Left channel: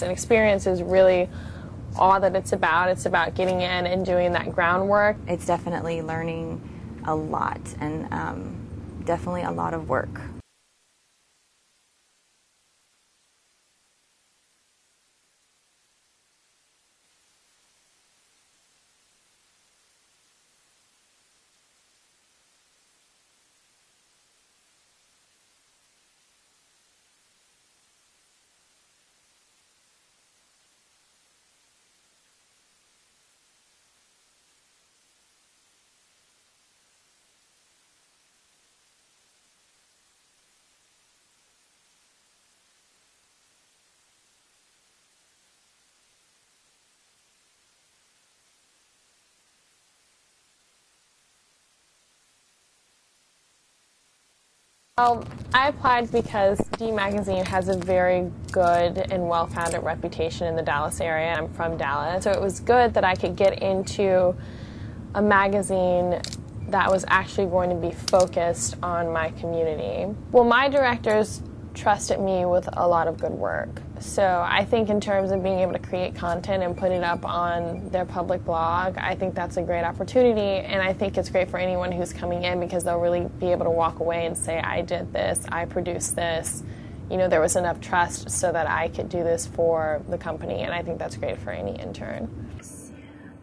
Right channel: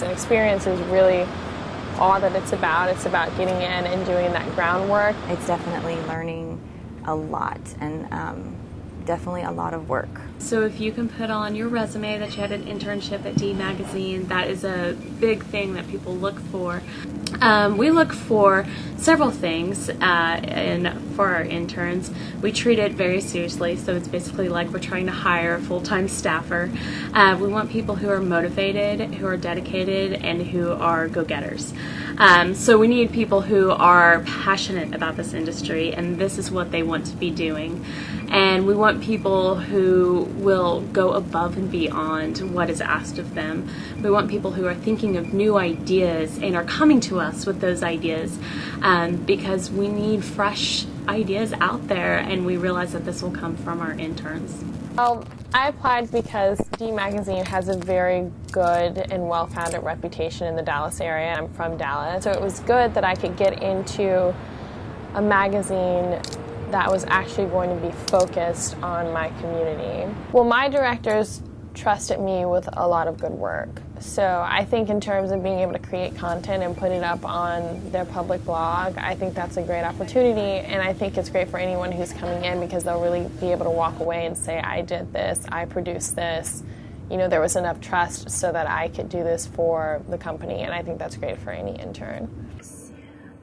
And experience is really all that it's about. It's about getting in and doing that groundwork. It's definitely learning a lot and definitely a lot of work. So if you can put on your resume that you had an internship at D Magazine, that is a big thing that people look for. We look for several things for our interns. We treat it very seriously, so it's basically like we're trying to hire a full-time staffer. We want people who are motivated, who are dedicated, and who are go-getters. So we need people who are passionate about this industry, and this is what they want to be doing. And we want people who will go above and beyond what is asked of them. We want people who are thinking of new ideas and are coming to us with those ideas, because we need fresh ideas out there, and we realize that this will come from our interns. Well, I applied because D Magazine has a very good and well-founded reputation in the Dallas area. I'm from Dallas, so it was good that I could get into a magazine that was actually going to be focused on my community. Well, my directors trusted me with a lot of good work. So I think in terms of being able to create content and put it up on their public blog, I think that's a great opportunity, and I think it's great for anyone who's coming in because they'll really be able to walk away and say, I did this, I produced this, you know, there was enough trust so that I could do this for the company, and I think that's great for any intern.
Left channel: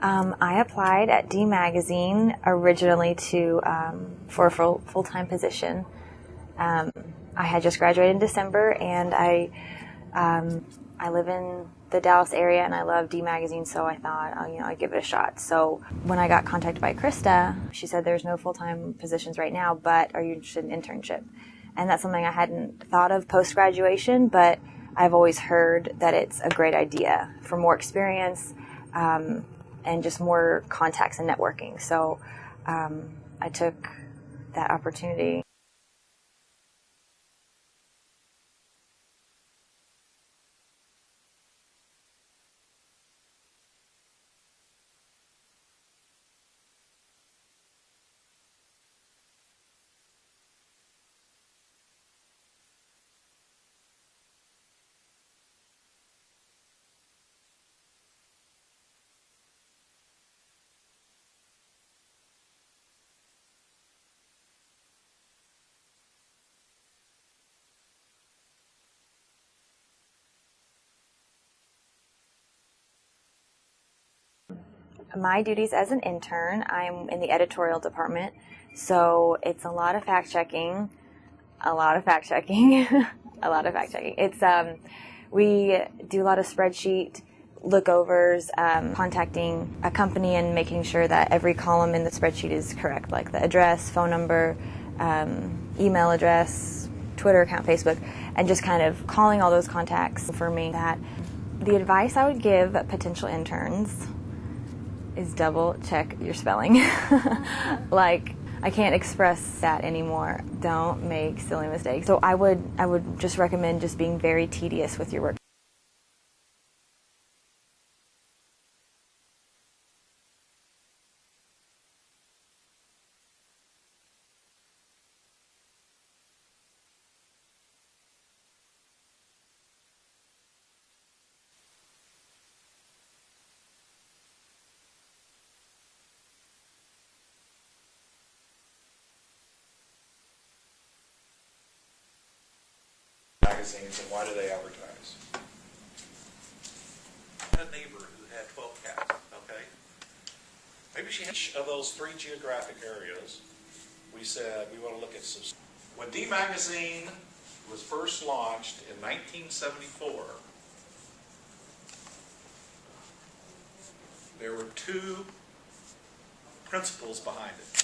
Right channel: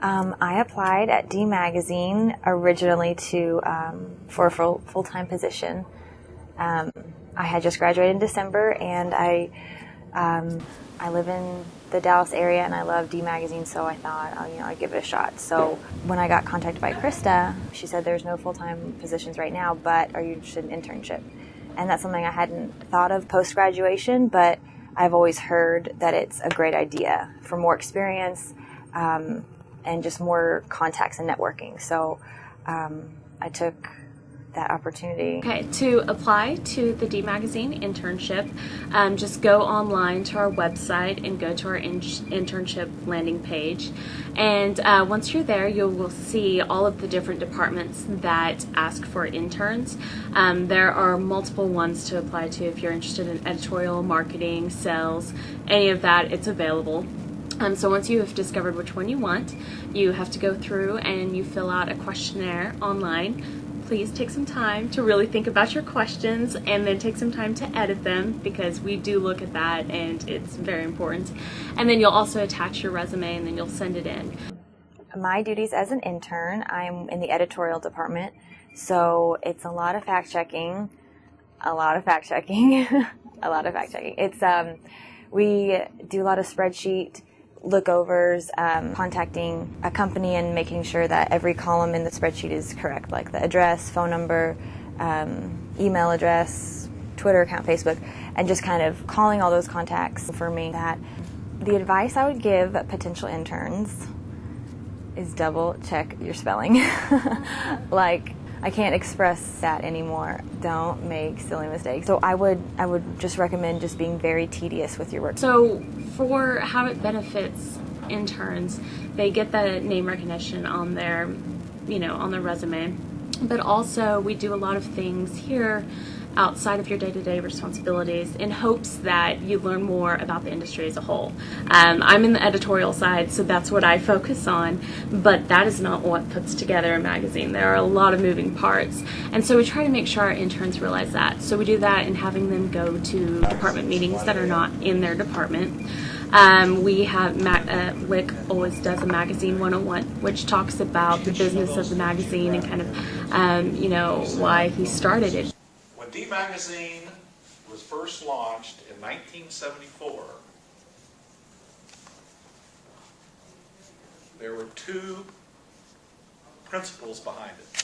I applied at D Magazine originally for a full-time position. I had just graduated in December, and I live in the Dallas area, and I love D Magazine, so I thought, I'd give it a shot. So when I got contacted by Krista, she said there's no full-time positions right now, but are you interested in internship? And that's something I hadn't thought of post-graduation, but I've always heard that it's a great idea for more experience, and just more contacts and networking. So I took that opportunity. Okay, to apply to the D Magazine internship, just go online to our website and go to our internship landing page. And once you're there, you will see all of the different departments that ask for interns. There are multiple ones to apply to. If you're interested in editorial, marketing, sales, any of that, it's available. So once you have discovered which one you want, you have to go through and you fill out a questionnaire online. Please take some time to really think about your questions, and then take some time to edit them, because we do look at that and it's very important. And then you'll also attach your resume, and then you'll send it in. My duties as an intern, I'm in the editorial department, so it's a lot of fact-checking, It's, we do a lot of spreadsheet lookovers, contacting a company and making sure that every column in the spreadsheet is correct, like the address, phone number, email address, Twitter account, Facebook, and just kind of calling all those contacts. For me, that the advice I would give potential interns is double check your spelling. Like, I can't express that anymore. Don't make silly mistakes. So I would just recommend just being very tedious with your work. So for how it benefits interns, they get the name recognition on their, on their resume. But also we do a lot of things here outside of your day-to-day responsibilities in hopes that you learn more about the industry as a whole. I'm in the editorial side, so that's what I focus on, but that is not what puts together a magazine. There are a lot of moving parts, and so we try to make sure our interns realize that. So we do that in having them go to department meetings that are not in their department. We have, Wick always does a Magazine 101, which talks about the business of the magazine and kind of, why he started it. When D Magazine was first launched in 1974, there were two principles behind it.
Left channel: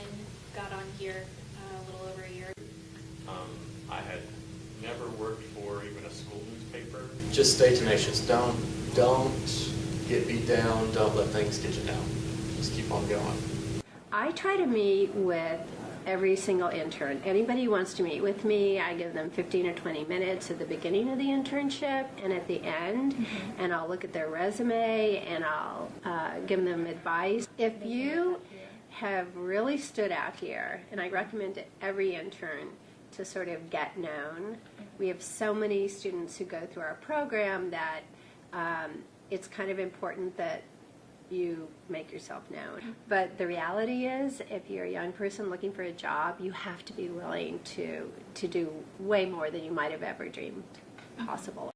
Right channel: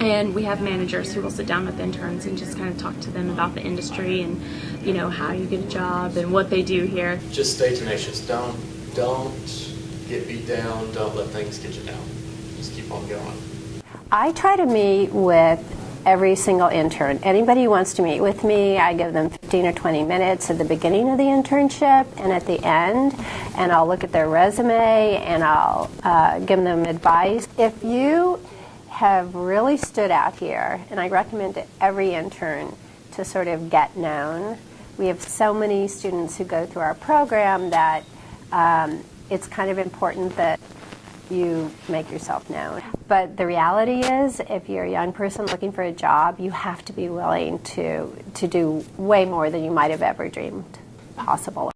And we have managers who will sit down with interns and just kind of talk to them about the industry and, how you get a job and what they do here. Just stay tenacious. Don't get beat down. Don't let things get you down. Just keep on going. I try to meet with every single intern. Anybody who wants to meet with me, I give them 15 or 20 minutes at the beginning of the internship and at the end, and I'll look at their resume and I'll give them advice. If you have really stood out here, and I recommend to every intern to sort of get known, we have so many students who go through our program that it's kind of important that you make yourself known. But the reality is, if you're a young person looking for a job, you have to be willing to do way more than you might have ever dreamed possible.